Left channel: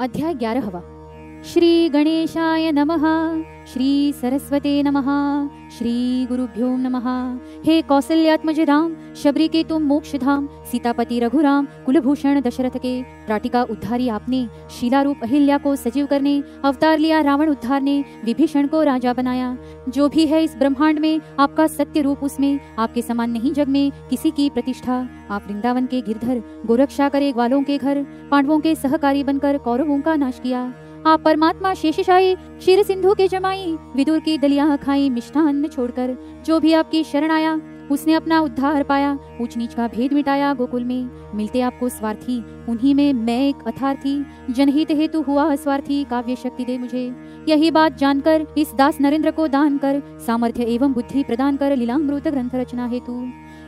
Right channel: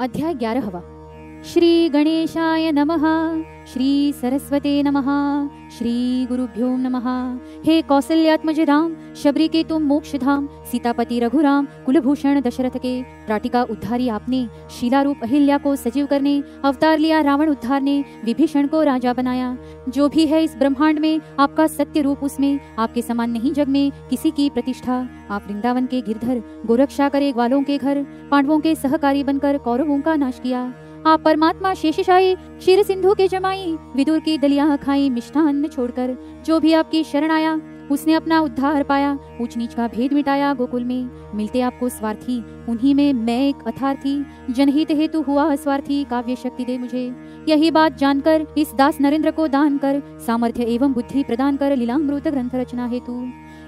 अध्याय 11। श्री गणेशाय नमः। श्री सरस्वते नमः। श्री गुरुभ्यो नमः। हे कौसल्यात्मज राम, शबरी के तुम मोक्ष धाम, सीतापति रघुराम, कुलभूषण दशरथ के त्राटिका उद्धारी आपने, शीला रूप अहिल्या को सजीव करने अवतार लिया रावण उद्धारने, विभीषण को राजा बनाया। जो भी है इस ब्रह्मांड में आपका सत्य रूप, उसमें आपके समान नहीं जग में किसी की प्रतिष्ठा। आप वृंदावन के गिरधर, गोरक्षा करे ग्वालों के घर, पांडवों के सहकारी बनकर कौरवों का नाश किया। आप परमात्मा शेषशाही, क्षीर सिंधु के जमाई, विदुर की दलिया खाई मिष्ठान्न छोड़कर। जो भी आपकी शरण आया उसने अपना उद्धार पाया, ऊंच नीच का भेद मिटाया गोकुल में। मिलते आपको स्वार्थी, उन्हीं में मैं एक अथार्थी, जनहित हेतु हुआ स्वार्थी, काव्य शक्ति दे मुझे। यही बात जानकर इस दास नरेंद्र को दान कर, सामर्थ्य एवं बुद्धि प्रदान कर, लीलामृत ग्रंथ रचना हेतु।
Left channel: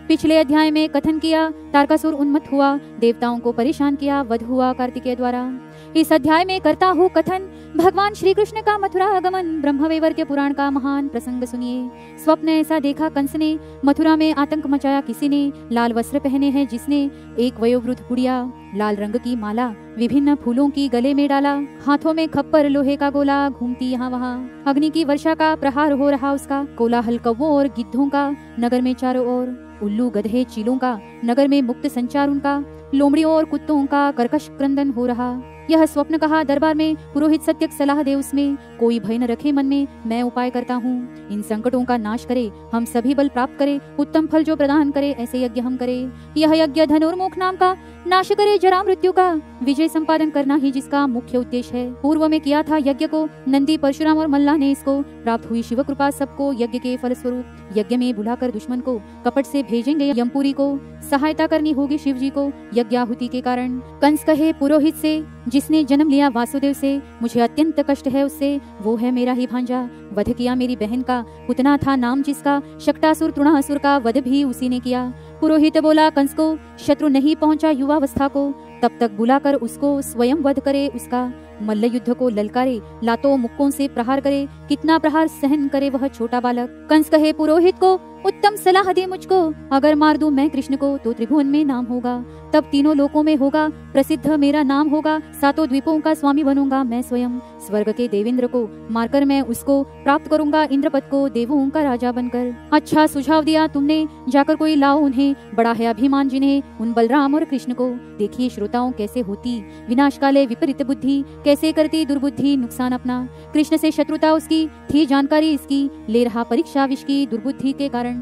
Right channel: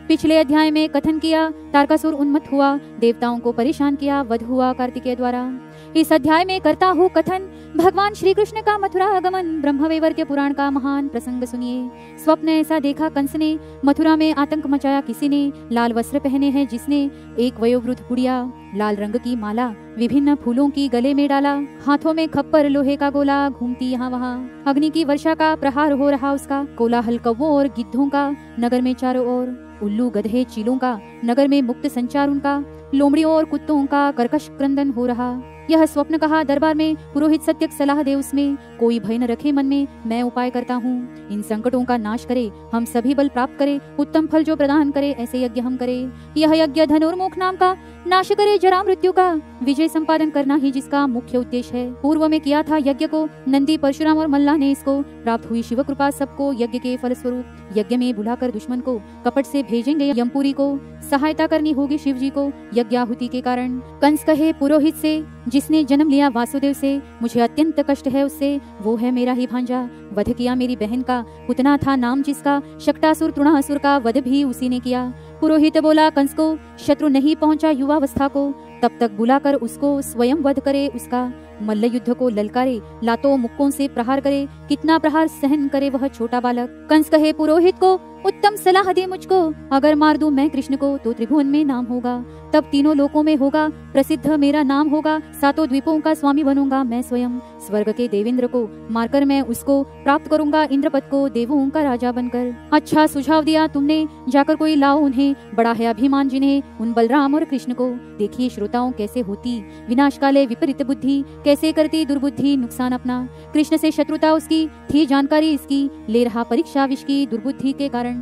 पिछले अध्याय में कथन किया तारकासुर उन्मत्त हुआ, देवताओं को परेशान किया, वध हुआ कार्तिकेय द्वारा। इस अध्याय में करता हूँ कथन भगवान श्री कृष्ण का मथुरा आगमन, ब्रह्मवैवर्त पुराण का महान प्रसंग सुनिए। स्वप्न ऐसा देखा कंस ने, मथुरा में आतंक मचाया किसी ने, लाल वस्त्र पहने हैं जिसने, एक वयोवृद्ध बुढ़िया, लाल रंग की माला विभिन्न फूलों की गले में डाला, हाथों में खप्पर लोहे का गोला, घूमती यहाँ वहाँ। अग्नि की वर्षा का प्रहार हो रहा उसका, कोलाहल कौवों और गिद्धों का नगर में चारों ओर, उल्लू गधे चीलों का नगर में मुक्त संचार उनका, लोमड़ियों और कुत्तों का कर्कश क्रंदन हो रहा। यह स्वप्न कहा दरबार में, पुरोहित सत्य सलाह दे उसमें, कोई भय न रखे मन में, मैं उपाय करता हूँ। इन संकटों का नाश करे, हम सभी बल प्राप्त करे, उत्तम फल जो प्रदान करे, ऐसे यज्ञ हम करे। यह यज्ञ धनुर्मुख नाम का, नाश करे जरा मृत्यु का, विजय संपादन करना ही जिसका मुख्य उद्देश्य है। पूर्व में किया था यज्ञ को नंदी, परशुराम और मल्ला ने इसको, प्राप्त हुई शिव कृपा सबको यज्ञ के फल स्वरूप। यज्ञ में बुलाकर दुश्मन को कपट से भेजेंगे यमपुरी को, सहायता करनी होगी शिव जी को यज्ञाहुति के कारण। कंस कहे पुरोहित से, जिसने जन्म लिया वासुदेव से, मुझे अत्यंत कष्ट है उससे, वो है मेरा ही भांजा। वध किया मेरी बहन का, पुतना था नाम जिसका, शक्टासुर तृणासुर का वध भी उसी ने किया। पुरोहित बोला कंस को, शत्रु नहीं पहुंचा युवावस्था को, तब तक बुलाकर उसको स्वयं वध करे उसका। मल्ल युद्ध को ललकारे, लातों मुक्कों से प्रहार करे, कितना प्रहार सहन करे वह छोटा बालक। कंस कहे पुरोहित को, उत्तम सलाह दे मुझको, अगर मार दूं मैं कृष्ण को तो त्रिभुवन में नाम होगा, तब तीनों लोकों में होगा प्रसिद्ध मेरा नाम होगा, सातों द्वीपों का स्वामी बनूंगा मैं स्वयं। स्वर्ग के देवेंद्र को मारकर मैं उसको प्राप्त करूंगा, इंद्रपद को देवों का राजा बनकर। अच्छा सुझाव दिया तुमने, जाकर कोई लाओ उन्हें, बड़ा है अभिमान जिन्हें उन बलराम और कृष्ण को। देखिए श्रोताओं कैसे होती विनाश काले विपरीत बुद्धि, कैसे करती दुर्बुद्धि नुकसान अपना। कृष्ण से शत्रुता उसकी थी जानकारी इसकी, ले रहा परीक्षा विष की दुर्बुद्धि के कारण।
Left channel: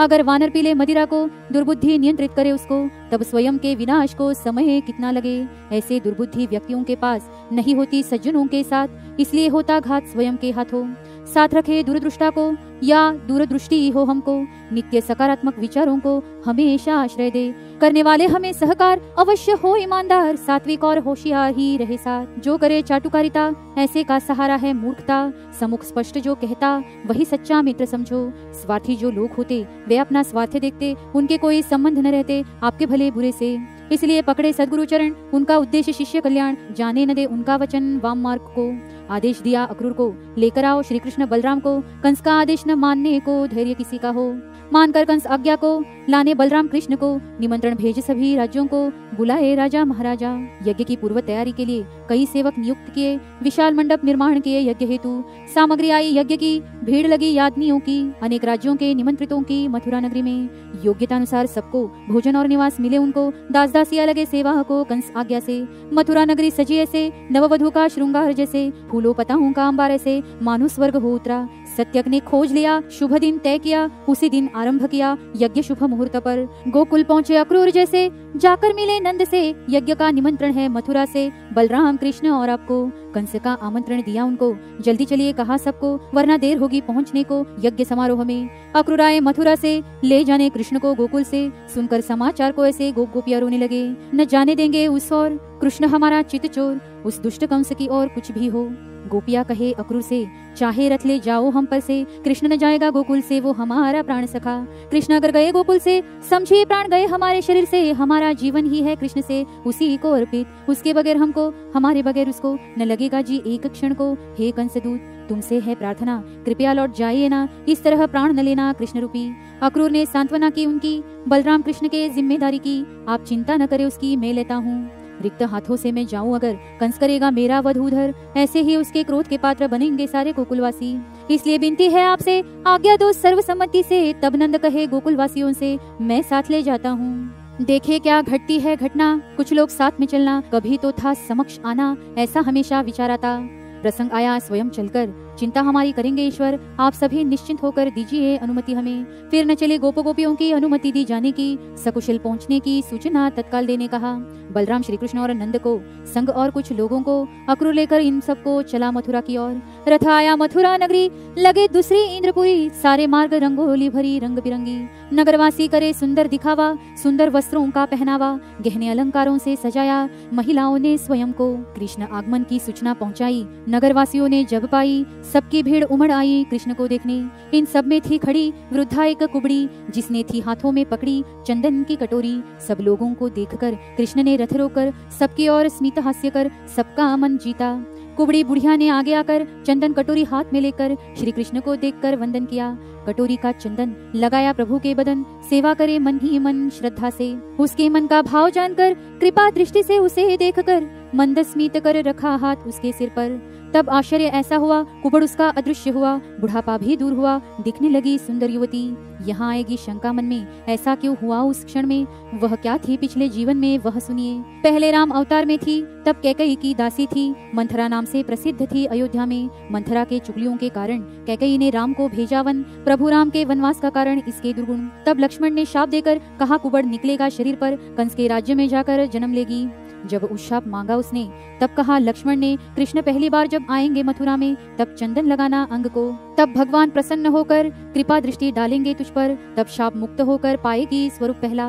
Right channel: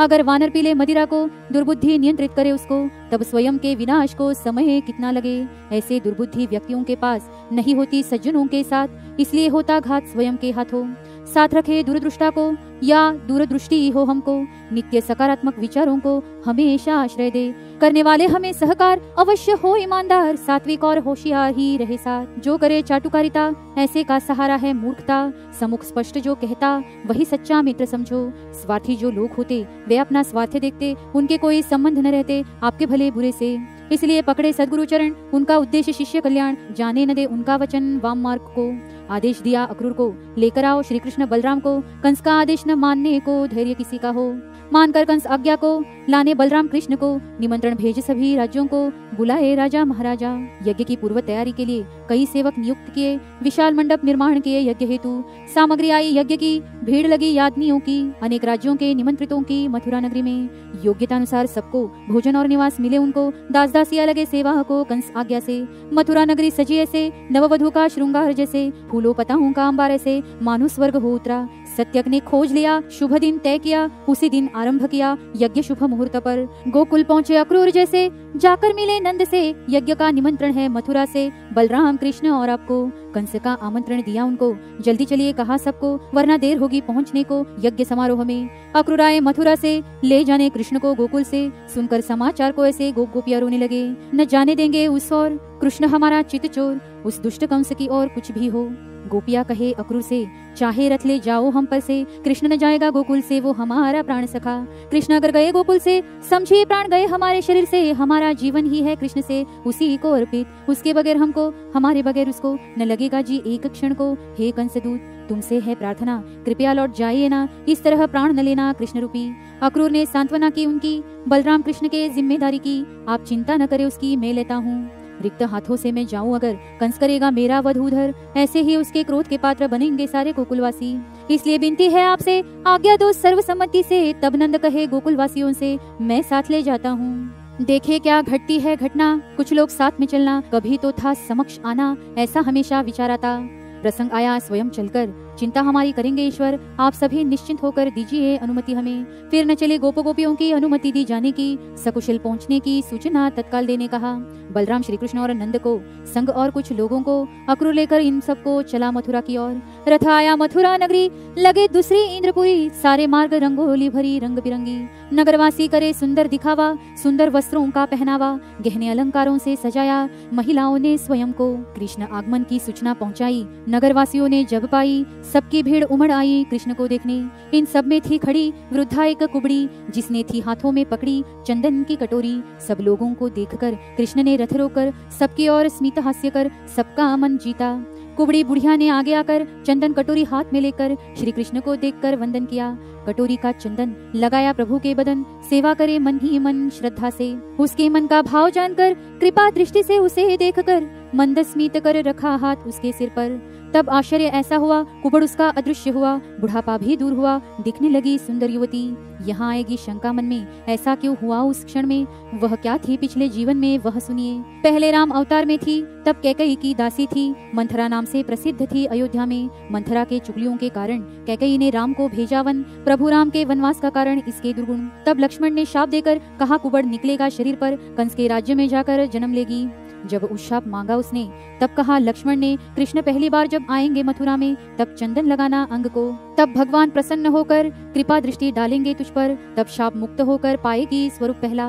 अगर वानर पीले मदिरा को दुर्बुद्धि नियंत्रित करे उसको, तब स्वयं के विनाश को समय कितना लगे। ऐसे दुर्बुद्धि व्यक्तियों के पास नहीं होती सज्जनों के साथ, इसलिए होता घात स्वयं के हाथों। साथ रखे दूरदृष्टा को या दूरदृष्टि हो हमको, नित्य सकारात्मक विचारों को हमेशा आश्रय दे। करने वाले हमें सहकार अवश्य हो ईमानदार, सात्विक और होशियार ही रहे साथ। जो करे चाटुकारिता ऐसे का सहारा है मूर्खता, समुख स्पष्ट जो कहता वही सच्चा मित्र समझो। स्वार्थी जो लोग होते वे अपना स्वार्थ देखते, उनके कोई संबंध न रहते आपके भले बुरे से। इसलिए पकड़े सद्गुरु चरण, उनका उद्देश्य शिष्य कल्याण, जाने न दे उनका वचन वाम मार्ग को। आदेश दिया अक्रूर को, लेकर आओ श्री कृष्ण बलराम को, कंस का आदेश न मानने को धैर्य किसी का हो। मानकर कंस आज्ञा को लाने बलराम कृष्ण को, निमंत्रण भेज सभी राज्यों को, बुलाए राजा महाराजा। यज्ञ की पूर्व तैयारी के लिए कई सेवक नियुक्त किए, विशाल मंडप निर्माण किए यज्ञ हेतु। सामग्री आई यज्ञ की, भीड़ लगी यादनियों की, अनेक राज्यों के निमंत्रितों की मथुरा नगरी में। योग्यता अनुसार सबको भोजन और निवास मिले उनको, दास दासिया लगे सेवा को कंस आज्ञा से। मथुरा नगरी सजी ऐसे, नववधु का श्रृंगार जैसे, फूलों पताओं का अंबार ऐसे, मानो स्वर्ग हो उतरा। सत्यक ने खोज लिया, शुभ दिन तय किया, उसी दिन आरंभ किया यज्ञ शुभ मुहूर्त पर। गोकुल पहुँचे अक्रूर जैसे, जाकर मिले नंद से, यज्ञ का निमंत्रण है मथुरा से, बलराम कृष्ण और आपको। कंस का आमंत्रण दिया उनको, जल्दी चलिए कहा सबको, वरना देर होगी पहुँचने को यज्ञ समारोह में। अक्रूर आए मथुरा से, ले जाने कृष्ण को गोकुल से। सुनकर समाचार को ऐसे गोप गोपियाँ रोने लगे, न जाने देंगे उस ओर, कृष्ण हमारा चित चोर, उस दुष्ट कंस की और कुछ भी हो। गोपिया कहे अक्रूर से, चाहे रथ ले जाओ हम पर से, कृष्ण न जाएगा गोकुल से वो हमारा प्राण सखा। कृष्ण अगर गए गोकुल से, समझे प्राण गए हमारे शरीर से, हमारा जीवन ही है कृष्ण से उसी को अर्पित, उसके बगैर हमको हमारे बगैर उसको न लगेगा जी एक क्षण को। हे कंसदूत तुमसे है प्रार्थना, कृपया लौट जाइए ना, इस तरह प्राण न लेना कृष्ण रूपी। अक्रूर ने सांत्वना की उनकी, बलराम कृष्ण के जिम्मेदारी की, आप चिंता न करे उसकी मैं लेता हूँ। रिक्त हाथों से मैं जाऊं अगर, कंस करेगा मेरा वध उधर, ऐसे ही उसके क्रोध के पात्र बनेंगे सारे गोकुलवासी। इसलिए विनती है आपसे, आज्ञा दो सर्वसम्मति से। तब नंद कहे गोकुलवासियों से, मैं साथ ले जाता हूँ। देखे क्या घटती है घटना, कुछ लोग साथ में चलना, कभी तो था समक्ष आना, ऐसा हमेशा विचारा था। प्रसंग आया स्वयं चलकर, चिंता हमारी करेंगे ईश्वर, आप सभी निश्चिंत होकर दीजिए अनुमति हमें। फिर न चले गोपी गोपियों की अनुमति दी जाने की, सकुशल पहुँचने की सूचना तत्काल देने कहा। बलराम श्री कृष्ण और नंद को संग और कुछ लोगों को अक्रूर लेकर इन सबको चला मथुरा की ओर। रथ आया मथुरा नगरी, लगे दूसरे इंद्रपुरी, सारे मार्ग रंगोली भरी रंग बिरंगी। नगरवासी करे सुंदर दिखावा, सुंदर वस्त्रों का पहनावा, गहने अलंकारों से सजाया, महिलाओं ने स्वयं को कृष्ण आगमन की सूचना पहुंचाई। नगरवासियों ने जब पाई, सबकी भीड़ उमड़ आई कृष्ण को देखने। इन सब में थी खड़ी वृद्धा एक कुबड़ी, जिसने थी हाथों में पकड़ी चंदन की कटोरी। सब लोगों को देखकर कृष्ण ने रथ रोकर सबकी ओर स्मित हास्य कर सबका मन जीता। कुबड़ी बुढ़िया ने आगे आकर चंदन कटोरी हाथ में लेकर श्री कृष्ण को देखकर वंदन किया। कटोरी का चंदन लगाया प्रभु के बदन, सेवा करे मन ही मन श्रद्धा से। उसके मन का भाव जानकर कृपा दृष्टि से उसे देखकर मंद स्मित कर रखा हाथ उसके सिर पर। तब आश्चर्य ऐसा हुआ, कुबड़ उसका अदृश्य हुआ, बुढ़ापा भी दूर हुआ, दिखने लगी सुंदर युवती। यहाँ आएगी शंका मन में, ऐसा क्यों हुआ उस क्षण में, वह क्या थी पिछले जीवन में वह सुनिए। पहले राम अवतार में थी, तब कैकेयी की दासी थी, मंथरा नाम से प्रसिद्ध थी अयोध्या में। मंथरा के चुगलियों के कारण कैकेयी ने राम को भेजा वन, प्रभु राम के वनवास का कारण इसके दुर्गुण। तब लक्ष्मण ने शाप देकर कहा, कुबड़ निकलेगा शरीर पर, कंस के राज्य में जाकर जन्म लेगी। जब उस शाप मांगा उसने, तब कहा लक्ष्मण ने, कृष्ण पहली बार जब आएंगे मथुरा में, तब चंदन लगाना अंग को, तब भगवान प्रसन्न होकर कृपा दृष्टि डालेंगे तुझ पर, तब शाप मुक्त होकर पाएगी स्वरूप पहला।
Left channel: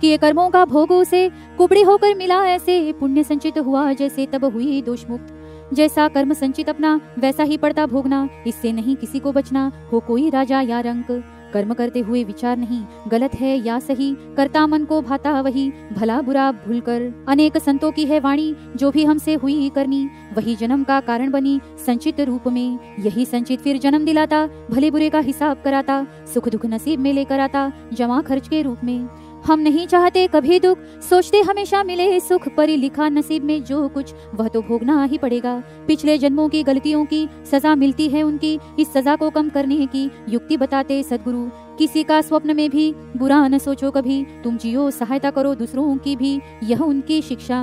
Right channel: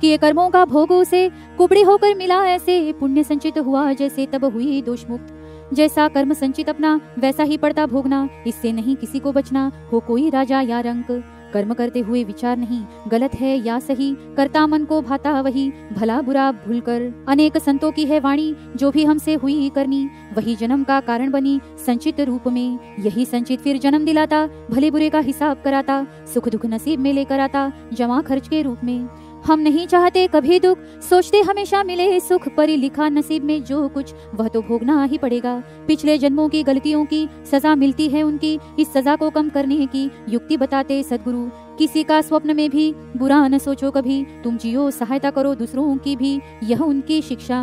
किए कर्मों का भोग उसे कुबड़ी होकर मिला ऐसे, पुण्य संचित हुआ जैसे तब हुई दोष मुक्त। जैसा कर्म संचित अपना, वैसा ही पड़ता भोगना, इससे नहीं किसी को बचना, हो कोई राजा या रंक। कर्म करते हुए विचार नहीं, गलत है या सही, करता मन को भाता वही, भला बुरा भूल कर। अनेक संतों की है वाणी, जो भी हमसे हुई करनी, वही जन्म का कारण बनी संचित रूप में। यही संचित फिर जन्म दिलाता, भले बुरे का हिसाब कराता, सुख दुख नसीब में लेकर आता, जमा खर्च के रूप में। हम नहीं चाहते कभी दुख, सोचते हमेशा मिले सुख, परी लिखा नसीब में जो कुछ वह तो भोगना ही पड़ेगा। पिछले जन्मों की गलतियों की सजा मिलती है उनकी, इस सजा को कम करने की युक्ति बताते सद्गुरु। किसी का स्वप्न में भी बुरा न सोचो कभी, तुम जियो सहायता करो दूसरों की भी, यह उनकी शिक्षा।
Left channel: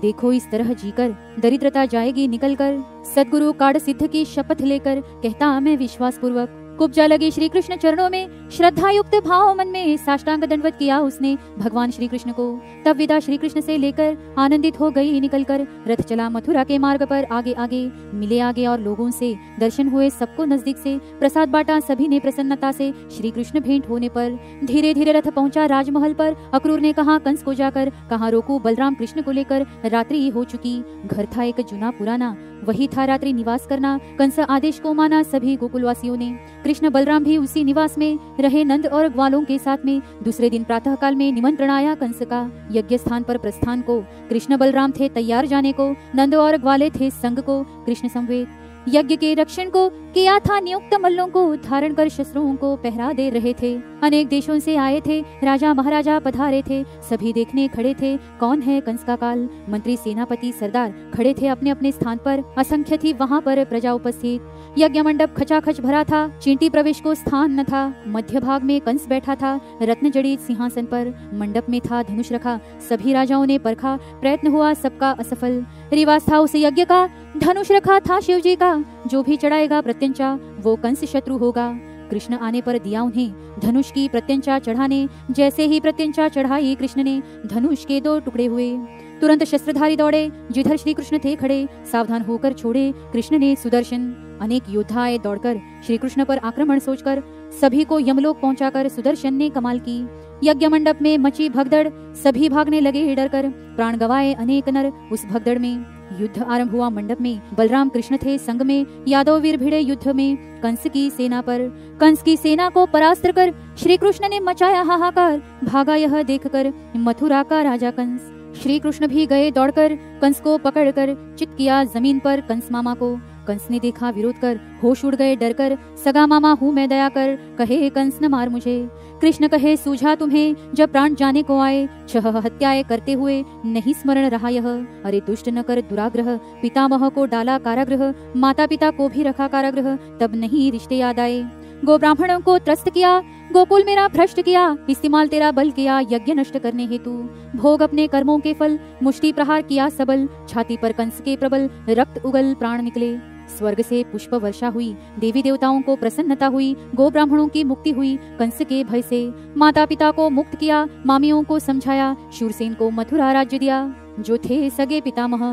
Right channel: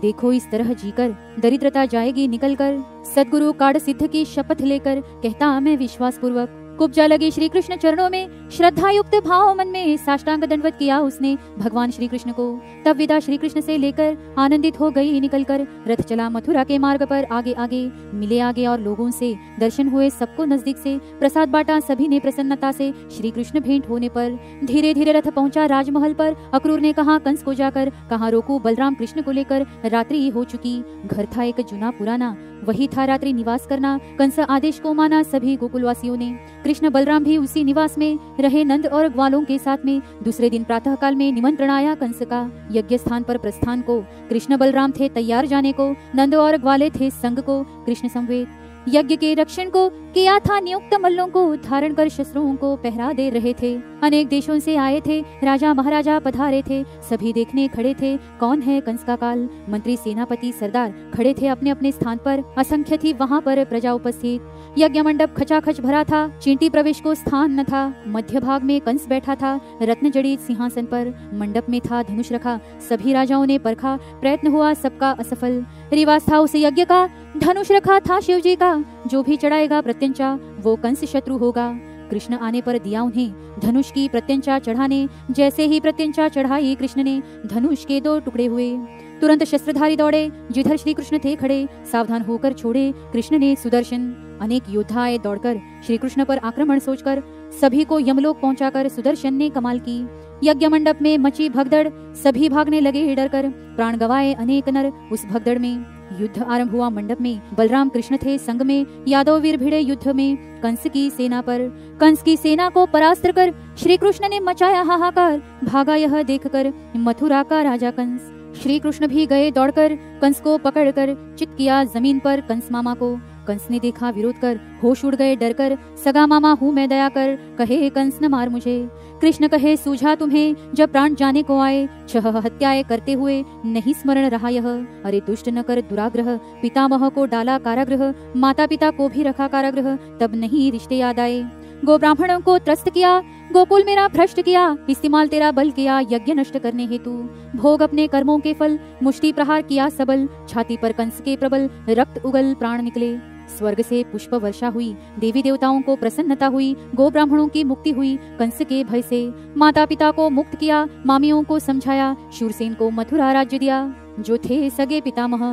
देखो इस तरह जीकर दरिद्रता जाएगी निकल कर, सद्गुरु काढ़ सिद्ध की शपथ लेकर कहता मैं विश्वास पूर्वक। कुब्जा लगे श्री कृष्ण चरणों में, श्रद्धा युक्त भाव मन में साष्टांग दंडवत किया उसने भगवान श्री कृष्ण को। तब विदा श्री कृष्ण से लेकर आनंदित हो गई निकलकर, रथ चला मथुरा के मार्ग पर आगे आगे। मिले आगे और लोगों से दर्शन हुए सबको नजदीक से, प्रसाद बांटा सभी ने प्रसन्नता से। श्री कृष्ण भेंट होने पर धीरे धीरे रथ पहुंचा राजमहल पर। अक्रूर ने कहा कंस को जाकर, कहाँ रोकूं बलराम कृष्ण को लेकर, रात्रि हो चुकी। घर था एक जुना पुराना, वही था रात्रि निवास करना। कंस आदेश को माना सभी गोकुलवासियों ने, कृष्ण बलराम भी उसी निवास में रहे नंद और ग्वालों के साथ में। दूसरे दिन प्रातः काल में निमंत्रण आया कंस का, यज्ञ स्थान पर प्रस्थान को। कृष्ण बलराम थे तैयार जाने को, नंद और ग्वाले थे संग को। कृष्ण संवेद यज्ञ के रक्षण को किया था नियुक्त, मल्लों को धारण कर शस्त्रों को पहरा दे रहे थे। अनेक देशों से आए थे, राजा महाराजा पधारे थे, सभी देखने खड़े थे कौन है कंस का काल। मंत्री सेनापति सरदार खड़े थे अपने अपने स्थान पर, असंख्य थी वहाँ पर प्रजा उपस्थित। यज्ञ मंडप खचाखच भरा था, चींटी प्रवेश को स्थान न था। मध्य भाग में कंस बैठा था रत्न जड़ित सिंहासन पर, मंडप में था धनुष रखा, सभी राजाओं ने परखा, प्रयत्न हुआ सबका असफल। रिवाज था उस यज्ञ का, धनुष रखा था शिव जी का, जो भी चढ़ाएगा प्रत्यंचा वो कंस शत्रु होगा। कृष्ण आने पर दिया उन्हें धनुष की प्रत्यंचा चढ़ाने, जैसे ही प्रत्यंचा चढ़ाई कृष्ण ने, धनुष के 2 टुकड़े हुए। तुरंत शस्त्रधारी दौड़े, जिधर श्री कृष्ण थे खड़े, सावधान होकर छोड़े कृष्ण ने सुदर्शन। अनेक योद्धा आए दौड़कर श्री कृष्ण पर आक्रमण सोचकर, सभी को यमलोक पहुंचाकर सुदर्शन ने कमाल की। यज्ञ मंडप में मची भगदड़, सभी भागने लगे डरकर, प्राण गवाए अनेक नर उस भगदड़ में। युद्ध आरंभ हुआ मंडप में, बलराम कृष्ण थे संग में, यादव वीर भिड़े युद्ध में कंस की सेना पर। कंस की सेना को परास्त कर श्री कृष्ण ने मचाया हाहाकार, भागा यह देखकर मथुरा का राजा कंस। श्री कृष्ण भी गए दौड़कर, कंस को पकड़कर चित किया जमीन पर कंस मामा को। कंस ने देखा विरोध कर, होश उड़ गए डर कर, सगा मामा हूँ मैं दया कर, कहे कंस न मार मुझे। कृष्ण कहे सूझा तुम्हें जब प्राण जाने को आए, 6 हत्याएं करते हुए नहीं स्मरण रहा यह। अरे दुष्ट न कर दुराग्रह, पितामह को डाला कारागृह, माता पिता को भी रखा कारागृह, तब नहीं रिश्ते याद आए। गो ब्राह्मणों को त्रस्त किया, गोकुल मेरा भ्रष्ट किया, इस्तेमाल तेरा बल किया यज्ञ नष्ट करने हेतु। भोग अपने कर्मों के फल, मुष्टि प्रहार किया सबल, छाती पर कंस के प्रबल, रक्त उगल प्राण निकले। स्वर्ग से पुष्प वर्षा हुई, देवी देवताओं को प्रसन्नता हुई, गो ब्राह्मणों की मुक्ति हुई कंस के भय से। माता पिता को मुक्त किया, मामियों को समझाया, शूरसेन को मथुरा राज्य दिया जो थे सगे पितामह।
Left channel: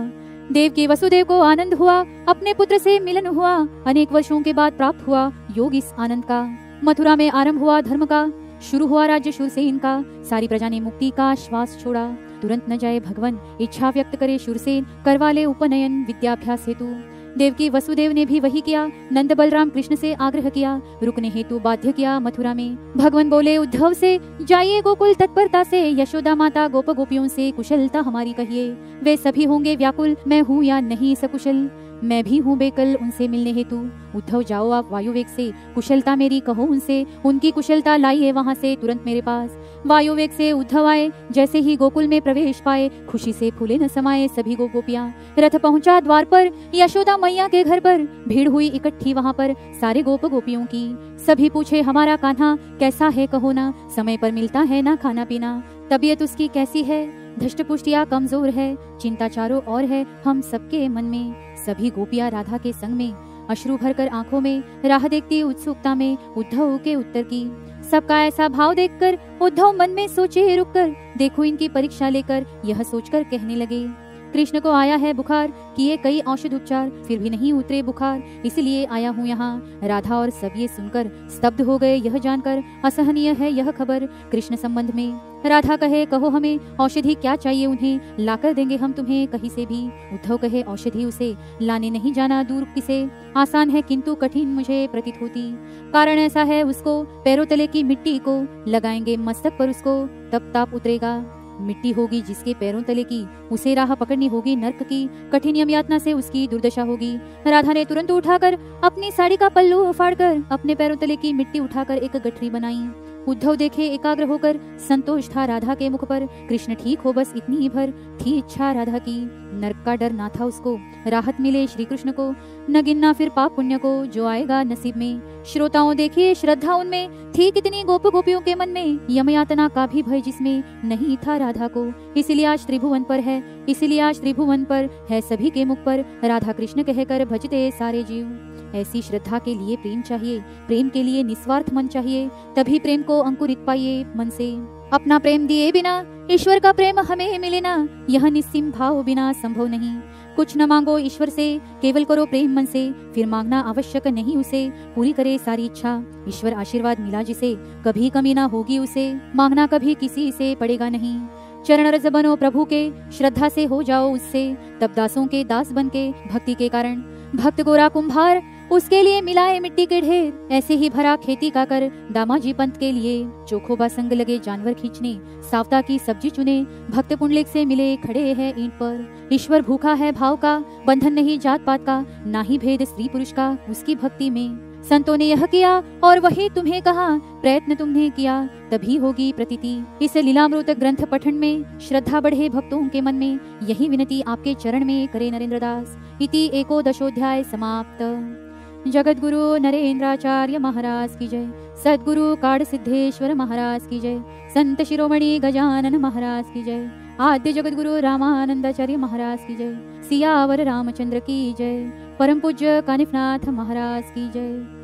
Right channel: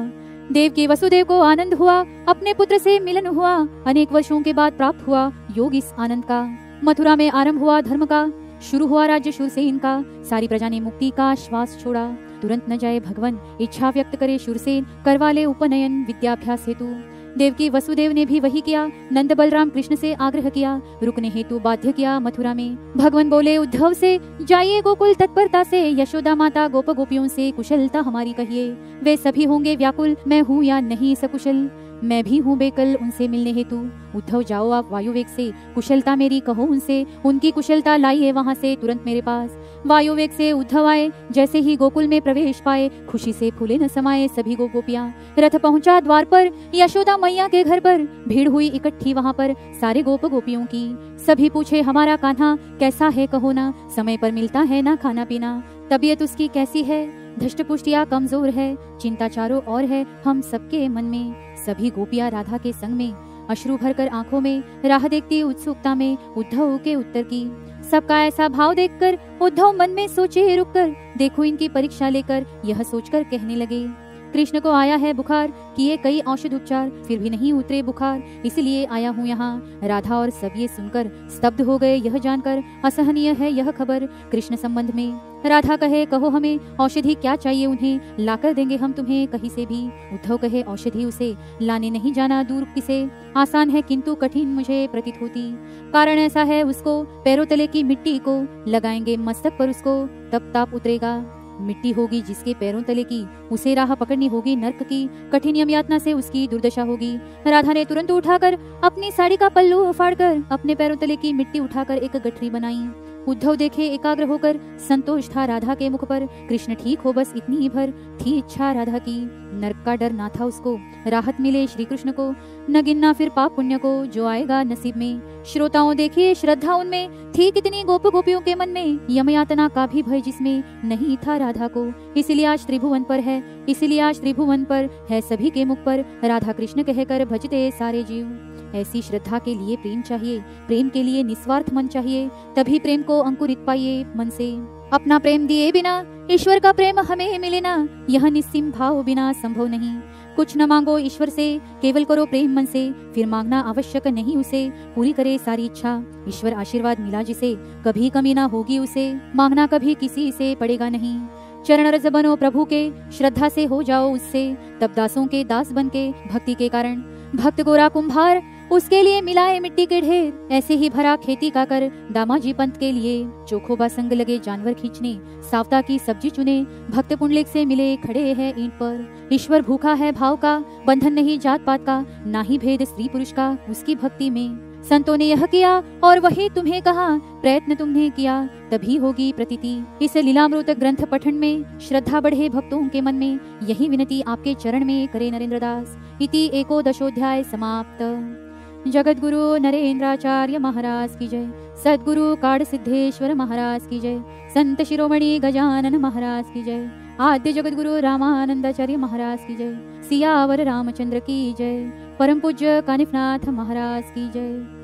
देव की वसुदेव को आनंद हुआ, अपने पुत्र से मिलन हुआ, अनेक वर्षों के बाद प्राप्त हुआ योग इस आनंद का। मथुरा में आरंभ हुआ धर्म का, शुरू हुआ राज्य शूरसेन का, सारी प्रजा ने मुक्ति का श्वास छोड़ा। तुरंत न जाए भगवन, इच्छा व्यक्त करे शूरसेन, करवा ले उपनयन विद्याभ्यास हेतु। देवकी वसुदेव ने भी वही किया, नंद बलराम कृष्ण से आग्रह किया, रुकने हेतु बाध्य किया मथुरा में। भगवान बोले उद्धव से, जाइए गोकुल तत्परता से, यशोदा माता गोप गोपियों से कुशलता हमारी कहिए। वे सभी होंगे व्याकुल, मैं हूँ या नहीं सकुशल, मैं भी हूँ बेकल उनसे मिलने हेतु। उद्धव जाओ आप वायुवेग से, कुशलता मेरी कहो उनसे, उनकी कुशलता लाइए वहाँ से तुरंत मेरे पास। वायुवेग से उद्धव आए, जैसे ही गोकुल में प्रवेश पाए, खुशी से फूले न समाये सभी गोपियां। रथ पहुंचा द्वार पर, यशोदा मैया के घर पर, भीड़ हुई इकट्ठी वहाँ पर सारे गोप गोपियों की। सभी पूछे हमारा कान्हा कैसा है कहो ना, समय पर मिलता है ना खाना पीना, तबीयत उसकी कैसी है, धष्ट पुष्टिया कमजोर है, चिंता चारों और है हम सबके मन में। सभी गोपियां राधा के संग में, अश्रु भरकर आंखों में, राह देखती उत्सुकता में उद्धव के उत्तर की। सबका ऐसा भाव देखकर उद्धव मन में सोचे रुककर, देखो इनकी परीक्षा लेकर, यह सोचकर कहने लगे। कृष्ण को आया है बुखार, किए कई औषध उपचार, फिर भी नहीं उतरे बुखार, इसलिए आया हूँ यहाँ। राधा और सब ये सुनकर स्तब्ध हो गए, यह जानकर असहनीय है यह खबर कृष्ण संबंध में। राधा कहे कहो हमें औषधि क्या चाहिए उन्हें, लाकर देंगे हम तुम्हें कहीं से भी। उद्धव कहे औषधि उसे लाने नहीं जाना दूर किसे, आसान है किंतु कठिन मुझे प्रतीत होती। कारण ऐसा है उसको, पैरों तले की मिट्टी को लगाएंगे मस्तक पर उसको, तब ताप उतरेगा। मिट्टी होगी जिसके पैरों तले की, उसे राह पकड़नी होगी नर्क की, कठिन यम यातना से उसकी दुर्दशा होगी। राधा ने तुरंत उठाकर अपनी साड़ी का पल्लू उफाड़कर अपने पैरों तले की मिट्टी उठाकर एक गठरी बनाई। उद्धव देखे एकाग्र होकर, संतोष था राधा के मुख पर, कृष्ण ठीक हो बस इतनी ही भर थी इच्छा राधा की। नरक का डर ना था उसको, राहत मिले श्री कृष्ण को, न गिनना फिर पाप पुण्य को जो आएगा नसीब में। श्रोताओं देखिए श्रद्धा उनमें थी कितनी गोप गोपियों के मन में, यम यातना का भी भय जिसमें नहीं था राधा को। इसलिए आज त्रिभुवन पर है, इसलिए आज त्रिभुवन पर है सभी के मुख पर, राधा कृष्ण कहकर भजते सारे जीव। ऐसी श्रद्धा के लिए प्रेम चाहिए, प्रेम के लिए निस्वार्थ मन चाहिए, तभी प्रेम को अंकुरित पाइए मन से। अपना प्रेम दिए बिना ईश्वर का प्रेम हमें मिले ना, यह निस्सीम भाव बिना संभव नहीं। कुछ न मांगो ईश्वर से, केवल करो प्रेम मन से, फिर मांगना आवश्यक नहीं उसे, पूरी करे सारी इच्छा। ईश्वर आशीर्वाद मिला जिसे, कभी कमी ना होगी उसे, मांगना कभी किसी से पड़ेगा नहीं। चरण रज बनो प्रभु के, श्रद्धा से हो जाओ उससे, तब दासों के दास बन के भक्ति के कारण। भक्त गोरा कुम्हार उसके लिए मिलाए मिट्टी के ढेर, ऐसे ही भरा खेती का कर दामाजी पंत के लिए। चोखोबा संग लगे जानवर खींचने, सावता की सब्जी चुने, भक्त पुंडलिक से मिले खड़े हैं ईंट पर। ईश्वर भूखा है भाव का, बंधन नहीं जात पात का, ना ही भेद स्त्री पुरुष का उसकी भक्ति में। संतों ने यह किया और वही तुम्हें कहा, प्रयत्न तुमने किया तभी होगी प्रतीति। इस लीलामृत ग्रंथ पठन में श्रद्धा बढ़े भक्तों के मन में, यही विनती आपके चरण में करे नरेंद्र दास। इति 11 समाप्त। जगत गुरु नरेंद्राचार्य महाराज की जय, सद्गुरु काड़ सिद्धेश्वर महाराज की जय, संत शिरोमणि गजानन महाराज की जय, आद्य जगत गुरु रामानंदाचार्य महाराज की जय, सियावर रामचंद्र की जय, परम पूज्य कानिफनाथ महाराज की जय।